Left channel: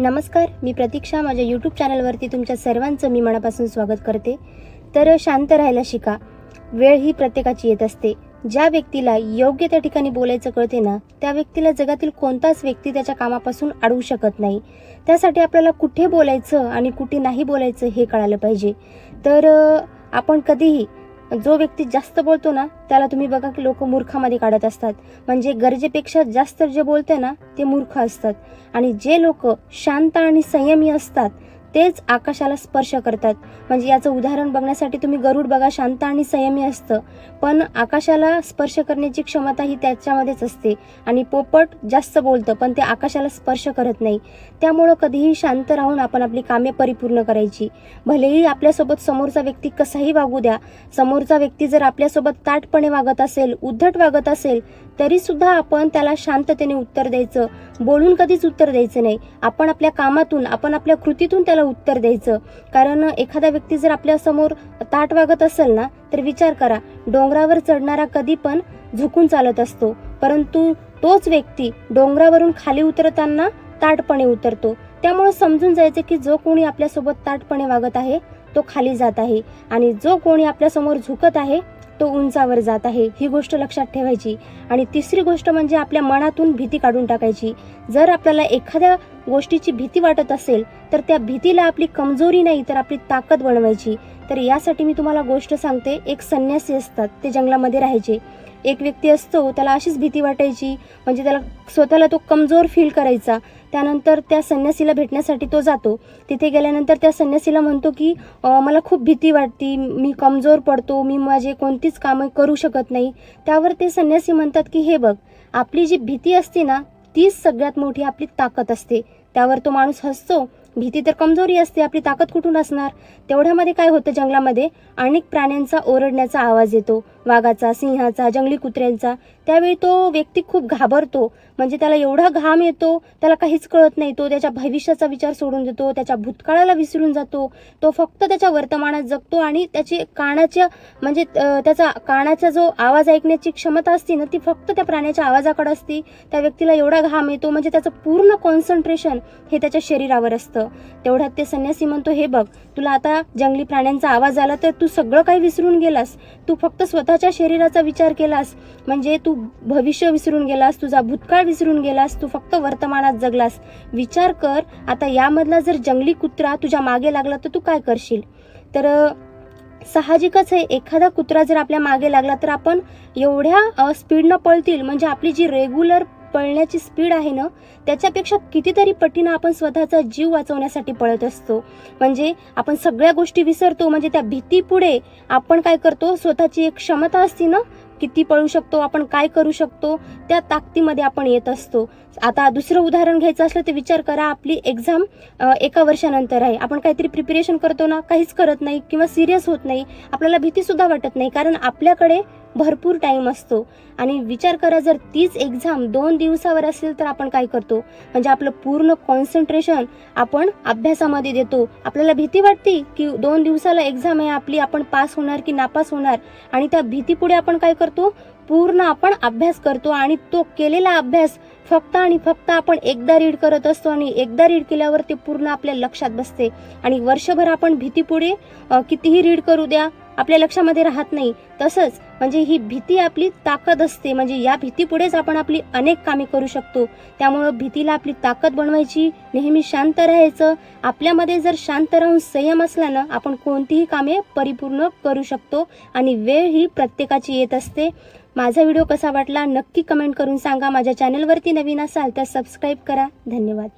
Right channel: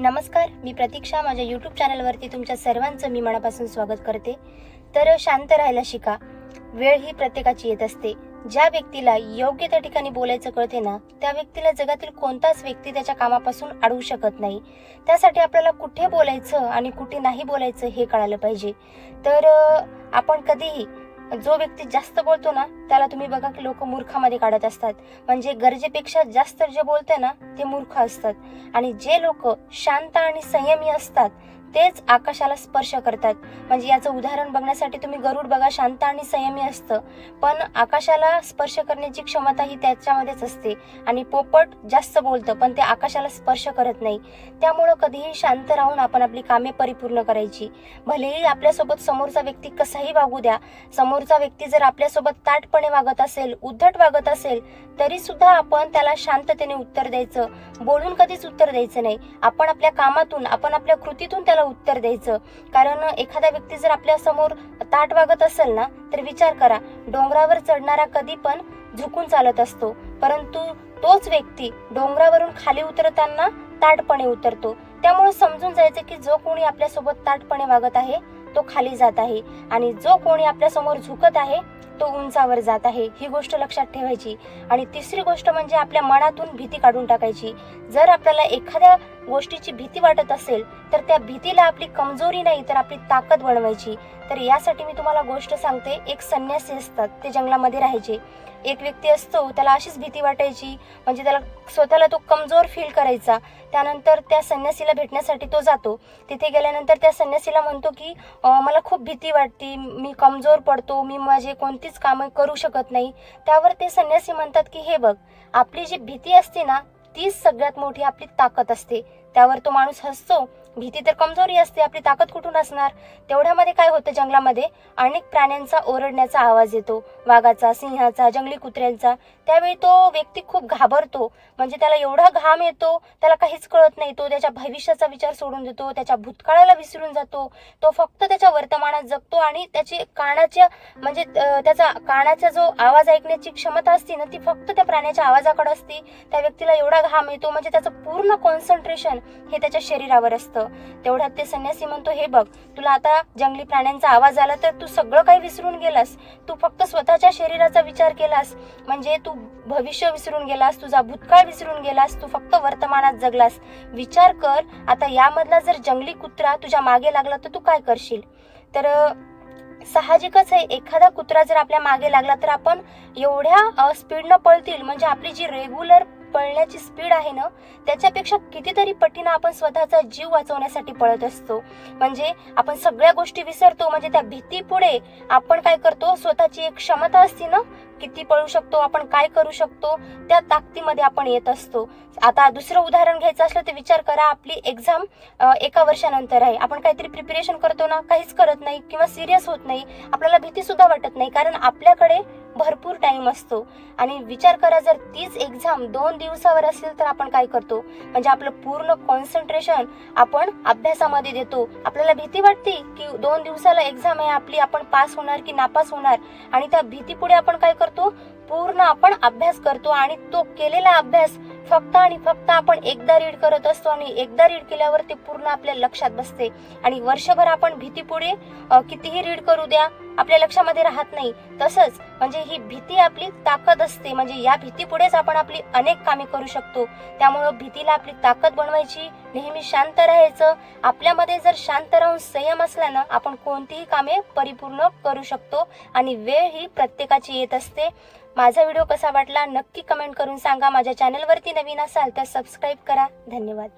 नमस्कार, मी प्रतीक्षा. माझ्या यूट्यूब चॅनलवरती तुमच्या सर्वांचं मी मनापासून स्वागत करते. तर शांत राहायला शिका. वेळ ही प्रत्येकाची येत असते. ज्या व्यक्तीला योग्य त्या ठिकाणी बोलायचं कळते ना, त्या व्यक्तीला जगातील कोणताच व्यक्ती त्याच्या कामापासून अडवू शकत नाही. त्यासाठी आपल्याला कुठे बोलायचं आणि कुठे नाही बोलायचं हे कळालं पाहिजे. तर आपण कधीही जो व्यक्ती जास्त बोलतो ना, त्याला तुम्ही बघा की लोक मूर्खामध्ये काढत असतात. म्हणजे गरजेपेक्षा जास्त जे बोलते ना ते मूर्ख असतात. आणि जे लोक शांत आणि संयमी असतात तेच आकाशाला स्पर्श करतात. म्हणजे याचं उदाहरण बघण्यासाठी तुम्ही गरुड बघा, शांत आणि संयमी असतं, पण आकाशाला स्पर्श करण्याची क्षमता ही त्याच्यामध्येच असते. आणि पोपट जास्त बोलतं पण ते आकाशाला स्पर्श करत नाही. त्यामुळं कधीही शांत राहून आपण आपली कामे परिपूर्ण करायची. भलेही आपल्यासोबत समोरचा व्यक्ती कसाही वागू द्या, समोरचा व्यक्ती जर आपल्यासोबत ताठपणे वागत असेल, उद्धट वागत असेल, तरी सुद्धा आपण त्याला शांततेने उत्तर द्यायचं. बोलून कधीच उत्तर द्यायचं नाही. आपण आपल्या कामातून, आपण आपल्या कृतीतून त्याला उत्तर द्यायचं. कारण एखादा व्यक्ती जर आपल्या समोर ताठ वागत असेल ना, तर विचार करा, डोंगरावर चढणारा कधी पण झुकून चालत असतो, परंतु तोच व्यक्ती डोंगरावरून खाली उतरताना ताठपणे उतरतो. त्यामुळे समजून जायचं की जो कोणी आपल्यासोबत ताठपणे वागत आहे तो खाली जात आहे, आणि जो कोणी आपल्यासमोर झुकत आहे तो उंचावर जात आहे. ही गोष्ट लक्षात ठेवायची. आणि तिसरी गोष्ट म्हणजे आपल्या मनातून भीती काढून टाकायची. जर आपल्याला एखाद्या गोष्टीची भीती वाटत असेल तर त्या भीतीला आपली कमजोरी नाही तर आपली ताकद बनवायची. तर यासाठी मी तुम्हाला गोष्ट सांगते. एक संन्यासी असतात, ते जंगलामध्ये राहायचे. एक व्यक्ती असतो, त्याला अशीच भीती वाटायची, म्हणजे त्याला स्वतःला तो कमजोर फील करायचा. त्यानंतर त्या संन्यासीला भेटण्यासाठी तो जातो. तिथे गेल्यानंतर त्या संन्यासीला म्हणतो की मला खूप भीती वाटते, मी कमजोर पडतो, मी माझे कोणतीच कामं करू शकत नाही. त्यावर ते संन्यासी म्हणतात की हे बघ, आपली जी भीती असते ना तीच सगळ्यात मोठी आपली ताकद असते. त्यावर तो माणूस हसतो, भीती तर कमजोरी असते, आपली ताकद कुठून असणार. तेवढ्यामध्ये काय होतं, जंगलामध्ये अनेक प्राण्यांचा ओरडण्याचा आवाज येतो, वाघाचा, सिंहाचा, जंगली कुत्र्यांचा. त्यावेळी तो व्यक्ती खूप घाबरतो. म्हणजे त्याला एवढा घाम येतो, त्याला काहीच कळत नाही. तो त्याच्या भविष्याचा विचार सोडून देतो, त्याच्या भूतकाळाला विसरून जातो. तो फक्त त्याच्या वर्तमानात जगतो आणि त्याची कानाच्या म्हणजे त्याचा कानाचा जो आवाज ऐकण्याची क्षमता असते ना ती फक्त त्या प्राण्याच्या आवाजाकडे असते. त्या व्यक्तीला एवढा घाम येतो, म्हणजे त्याचं पूर्ण कॉन्सन्ट्रेशन हे त्याच्या शरीरावर असतं. तेवढ्यात ते संन्यासी म्हणतो, हे बघ, तुला आता जंगली प्राण्यांचा आवाज आला तर तू सगळं काही विसरून गेलास. तू फक्त स्वतःच्या शरीराचा विचार केलास, म्हणजे तू भविष्य विसरून गेलास, तुझा भूतकाळ विसरून गेलास, तू फक्त वर्तमानात जगलास. विचार कर, आता यामधला जर जंगली कुत्रा तुझ्या मागे लागला तर तू काय करशील. तर साहजिकच आहे, एखादा कुत्रा जर आपल्या मागे लागला तर आपण एवढ्या स्पीडनं पळतील, म्हणजे आपली जी रेग्युलर पळण्याची स्पीड आहे ना त्याच्यापेक्षा कितीतरी पटीनं आपण स्वतःचा जीव वाचवण्यासाठी पळत असतो. म्हणजे आपण सगळ्या गोष्टी विसरतो. म्हणजे त्या भीतीपुढे आपण काय करतो, स्वतःची एक क्षमता असते ना, किती पळू शकतो आपण, काय करू शकतो, त्या ताकदीमध्ये आपण येत असतो. आता दुसरं उदाहरण घ्यायचं असलं तर विचार करा, आपली एक्झाम 1 वर्षानंतर आहे. आपण काहीतरी प्रिपरेशन करतो ना, काहीच करत नाही किंवा सिरियस होत नाही, आपल्याला भीती सुद्धा वाटत नाही, कारण आपल्याकडे भरपूर टाइम असतो. आणि विचार करा, जर तीच एक्झाम 2 दिवसावर असेल तर आपण काय करतो, म्हणजे आपलं पूर्ण कॉन्सन्ट्रेशन आपण अभ्यासामध्ये देतो. आपल्याला भीती वाटते की 2 दिवसाला एक्झाम आहे आपली, आपण पास होणार की नापास होणार, आणि त्या भीतीपुढे आपण काय करतो, पूर्ण आपण अभ्यास करतो. आणि तो केलेला अभ्यास फक्त आणि फक्त आपण एकदा रीड करत असतो, आणि एकदा रीड केल्यावर ते पूर्ण आपल्या लक्षात बसते. आणि वर्षभर आपण भीतीपुढे कितीही रीड करू द्या, आपल्या लक्षामध्ये राहत नाही. तसंच म्हणजे ही भीती आपली ताकद असते. म्हणजे या भीतीपुढेच आपण आपली अनेक कामे करू शकतो. त्यामुळं भीतीला आपली ताकद बनवायची, नेहमी शांत राहायचं. आपल्यामध्ये जर शांत राहून संयम असला ना, आपण कोणतीही कामे परिपूर्ण करू शकतो. आणि वेळ ही प्रत्येकाची येत असते. माझा व्हिडिओ कसा वाटला नक्की कमेंट करून सांगा. माझ्या चॅनलवरती नवीन असाल तर सबस्क्राईब करा. धन्यवाद.